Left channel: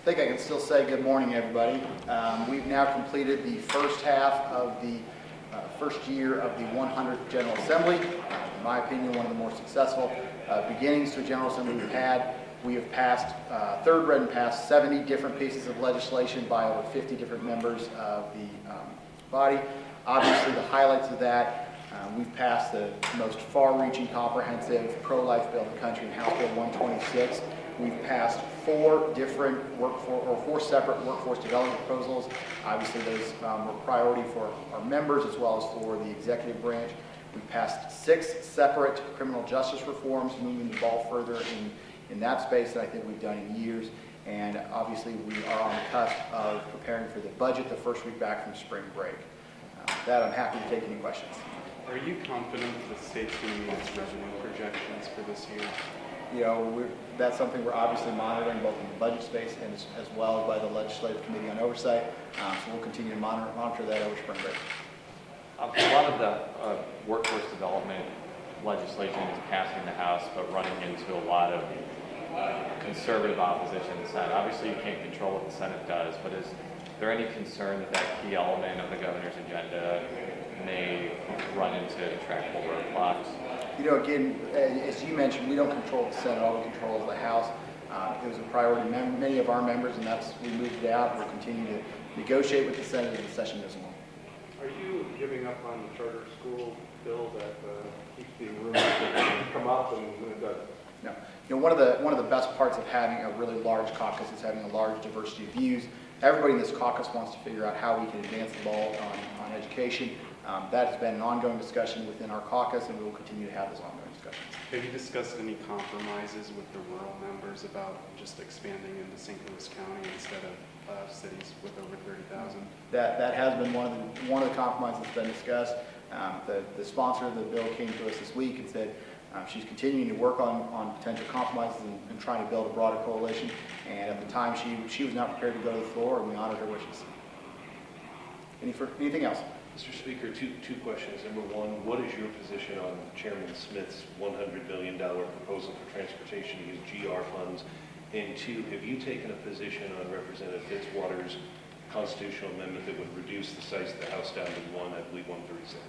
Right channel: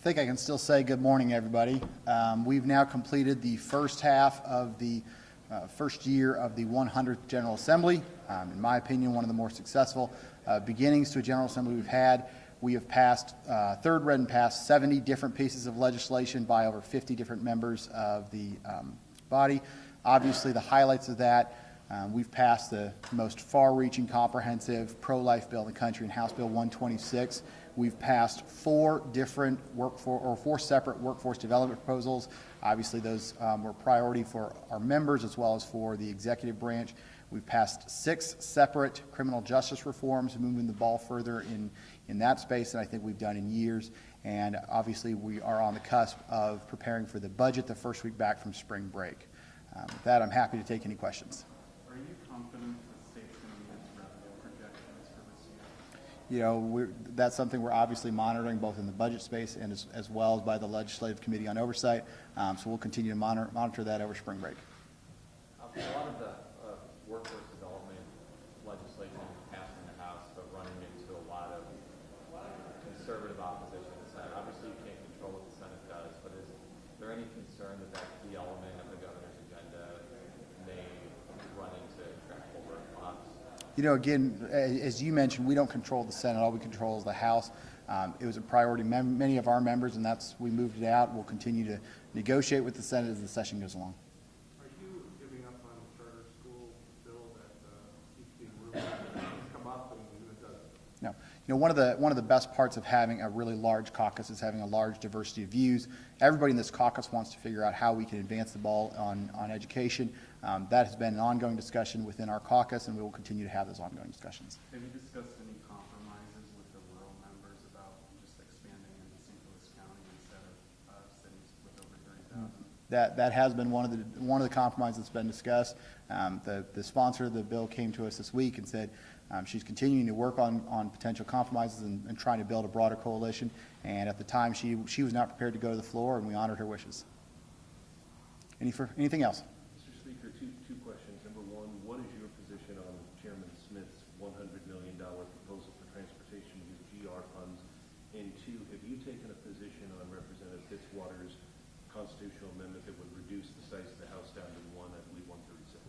I think I can still say good morning, everybody. We've now completed the first half of the first year of the 100th General Assembly. In my opinion, one of the more successful beginnings to a General Assembly we've had. We have passed, third read and passed 70 different pieces of legislation by over 50 different members of the body. Obviously, the highlights of that, we've passed the most far-reaching, comprehensive pro-life bill in the country in House Bill 126. We've passed four separate workforce development proposals. Obviously, those were priority for our members as well as for the executive branch. We've passed 6 separate criminal justice reforms, moving the ball further in that space that I think we've done in years. And obviously, we are on the cusp of preparing for the budget the first week back from spring break. With that, I'm happy to take any questions. Are you confident that the state's going to meet its revenue projections for this year? You know, that's something we're obviously monitoring both in the budget space and as well as by the Legislative Committee on Oversight. So we'll continue to monitor that over spring break. A lot of the workforce development legislation is passing the House, but running into a lot of conservative opposition in the Senate. Obviously, you can't control what the Senate does, but is there any concern that that key element of the governor's agenda may run into intractable roadblocks? You know, again, as you mentioned, we don't control the Senate. All we control is the House. It was a priority to many of our members, and we moved it out, and we'll continue to negotiate with the Senate as the session goes along. Are you giving up on the charter school bill that keeps being rumored to come up and it doesn't? No. You know, one of the best parts of having a really large caucus is having a large diversity of views. Everybody in this caucus wants to figure out how we can advance the ball on education. That has been an ongoing discussion within our caucus, and we will continue to have those ongoing discussions. Have you discussed any compromises with the rural members about just expanding into St. Louis County instead of cities with over 30,000? That has been one of the compromises that's been discussed. The sponsor of the bill came to us this week and said she's continuing to work on potential compromises and trying to build a broader coalition. And at the time, she was not prepared to go to the floor, and we honored her wishes. Anything else? Mr. Speaker, two questions. Number one, what is your position on Chairman Smith's $100 million proposal for transportation to use GR funds? And two, have you taken a position on Representative Fitzwater's constitutional amendment that would reduce the size of the House down to 1, I believe 136?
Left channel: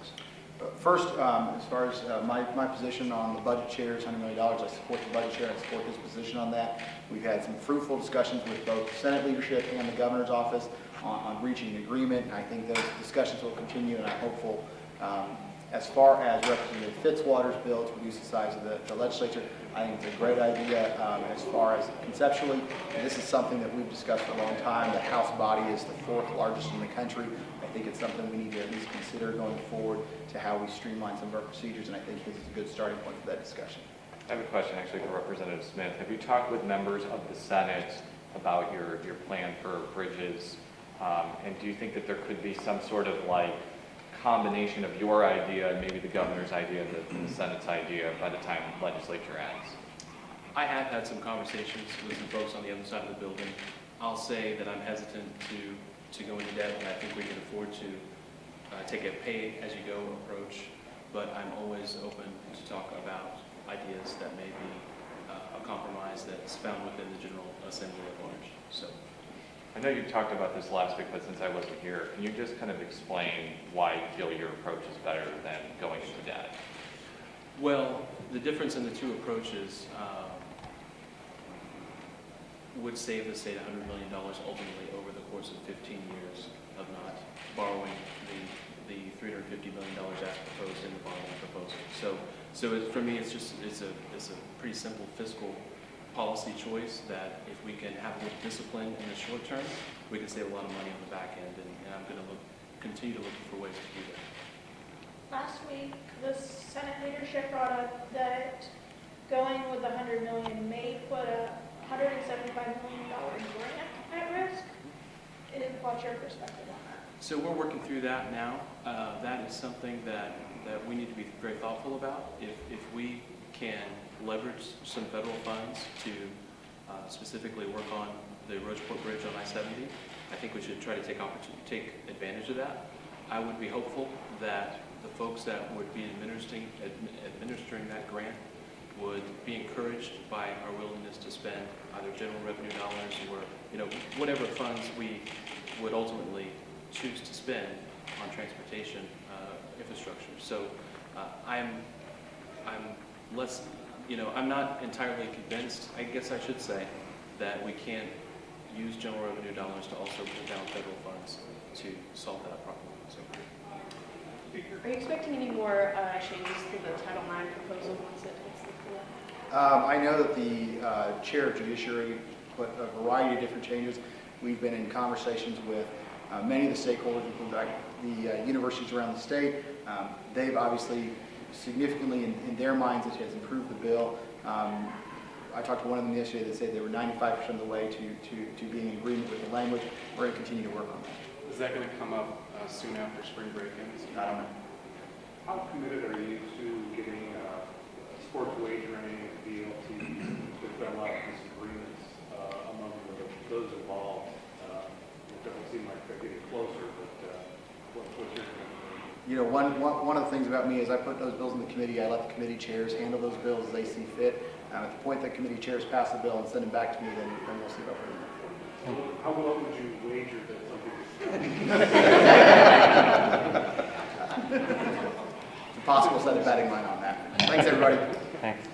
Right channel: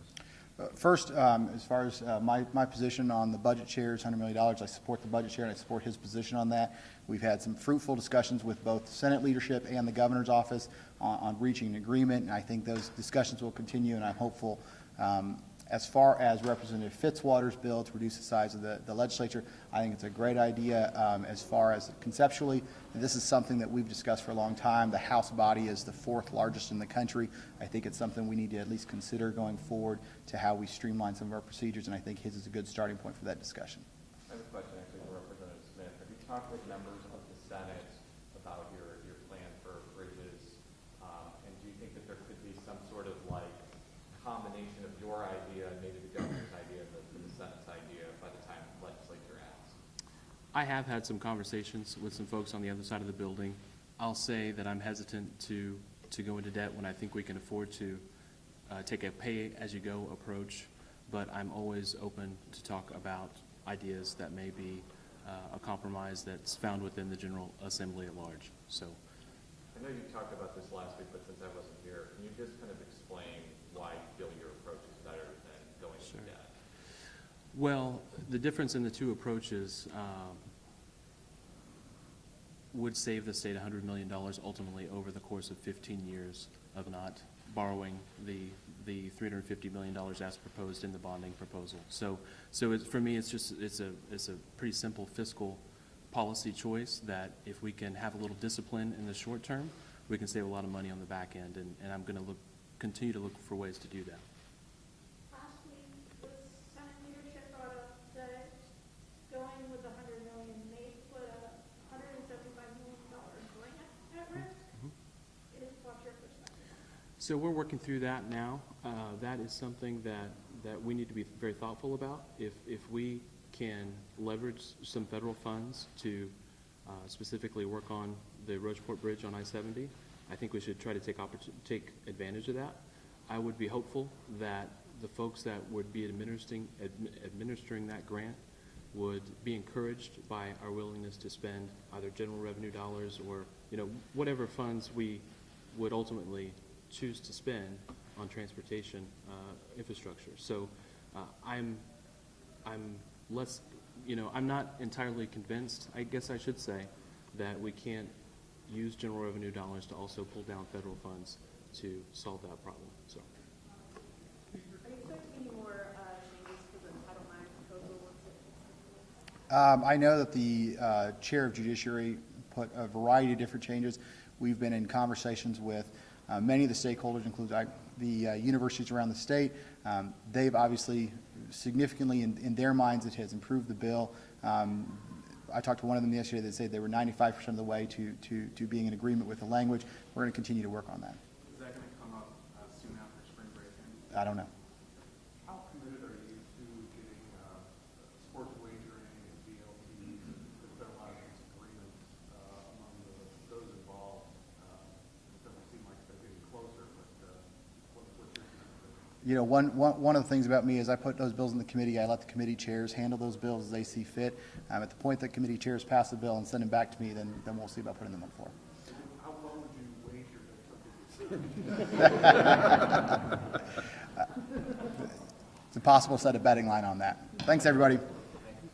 First, as far as my position on the budget chair is $100 million. I support the budget chair. I support his position on that. We've had some fruitful discussions with both the Senate leadership and the governor's office on reaching an agreement, and I think those discussions will continue, and I'm hopeful. As far as Representative Fitzwater's bill to reduce the size of the legislature, I think it's a great idea. As far as conceptually, this is something that we've discussed for a long time. The House body is the 4th largest in the country. I think it's something we need to at least consider going forward to how we streamline some of our procedures, and I think his is a good starting point for that discussion. I have a question actually for Representative Smith. Have you talked with members of the Senate about your plan for bridges? And do you think that there could be some sort of combination of your idea and maybe the governor's idea and the Senate's idea by the time the legislature ends? I have had some conversations with some folks on the other side of the building. I'll say that I'm hesitant to go into debt when I think we can afford to take a pay-as-you-go approach, but I'm always open to talk about ideas that may be a compromise that's found within the General Assembly at large. So, I know you talked about this last week, but since I wasn't here, can you just kind of explain why you feel your approach is better than going into debt? well, the difference in the two approaches would save the state $100 million ultimately over the course of 15 years of not borrowing the $350 million as proposed in the bonding proposal. So for me, it's a pretty simple fiscal policy choice that if we can have a little discipline in the short term, we can save a lot of money on the back end, and I'm going to continue to look for ways to do that. Last week, the Senate leadership brought up that going with the $100 million may put a $175 million grant at risk. What's your perspective on that? So we're working through that now. That is something that we need to be very thoughtful about. If we can leverage some federal funds to specifically work on the Rocheport Bridge on I-70, I think we should try to take advantage of that. I would be hopeful that the folks that would be administering that grant would be encouraged by our willingness to spend either general revenue dollars or, whatever funds we would ultimately choose to spend on transportation infrastructure. So I'm not entirely convinced, I guess I should say, that we can't use general revenue dollars to also pull down federal funds to solve that problem. So. Are you expecting any more changes to the Title IX proposal once it hits the floor? I know that the Chair of Judiciary put a variety of different changes. We've been in conversations with many of the stakeholders, including the universities around the state. They've obviously significantly, in their minds, it has improved the bill. I talked to one of them yesterday that said they were 95% of the way to being in agreement with the language. We're going to continue to work on that. Is that going to come up soon after spring break ends? I don't know. How committed are you to getting sports wagering and DLT? There's been a lot of disagreements among those involved. It doesn't seem like they're getting closer, but what's your opinion? One of the things about me is I put those bills in the committee. I let the committee chairs handle those bills as they see fit. At the point that committee chairs pass the bill and send it back to me, then we'll see about putting it on the floor. So how well would you wager that something is It's impossible to set a betting line on that. Thanks, everybody. Thanks.